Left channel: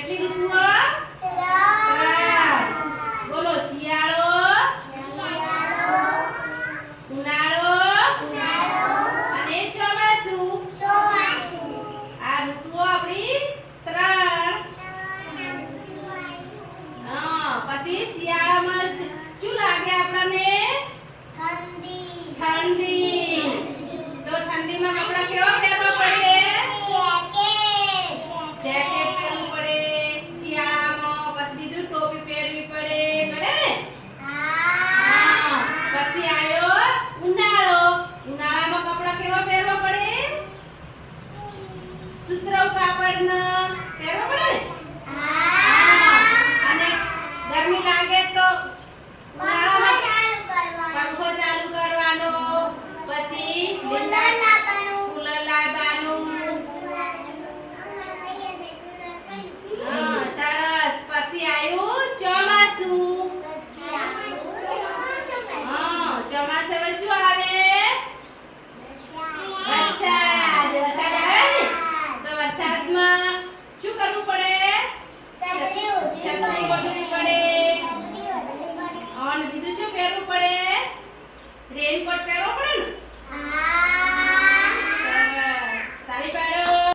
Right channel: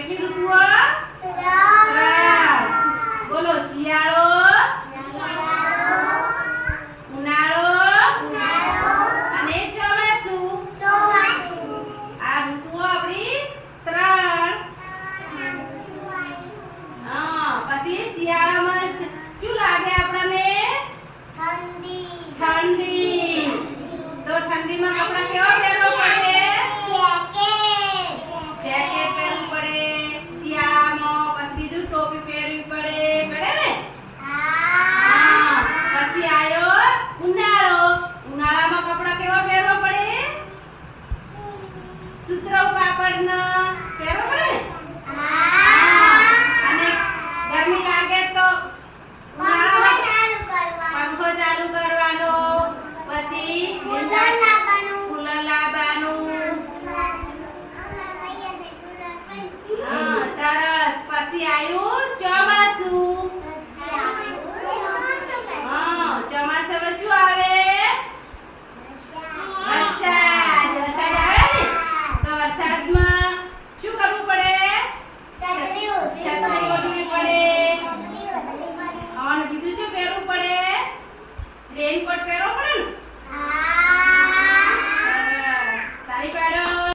કેટલી ઋતુઓ? ત્રણ. બોલો શિયાળો, ઉનાળો અને ચોમાસું. આ ઋતુઓ આપણી ત્રણ. પછી શિયાળામાં શું લાગે આપણને? ઠંડી. તો ઠંડીમાં કપડાં કેવા પહેરવા પડે? જેકેટ પહેરવું પડે શિયાળામાં. પછી બીજું ટોપી પહેરવી પડે. પડે ને? હા. પછી આયો ઉનાળો. ઉનાળામાં કપડાં કેવા પહેરવા પડે? સુતરાઉ કાપડના પહેરવા પડે ને? અને ગરમી લાગે તો ઉનાળામાં પંખો ચાલુ કરવાનો. પછી કુલર લાવવાનું. હા સરસ. પછી આવ્યું ચોમાસું. હા ચોમાસામાં શું આવે? વરસાદ. વરસાદ આવે ને તો વરસાદમાં શું કરવું પડે? છત્રી ઓઢવી પડે. અને બીજું શું પહેરવું પડે? રેનકોટ પહેરો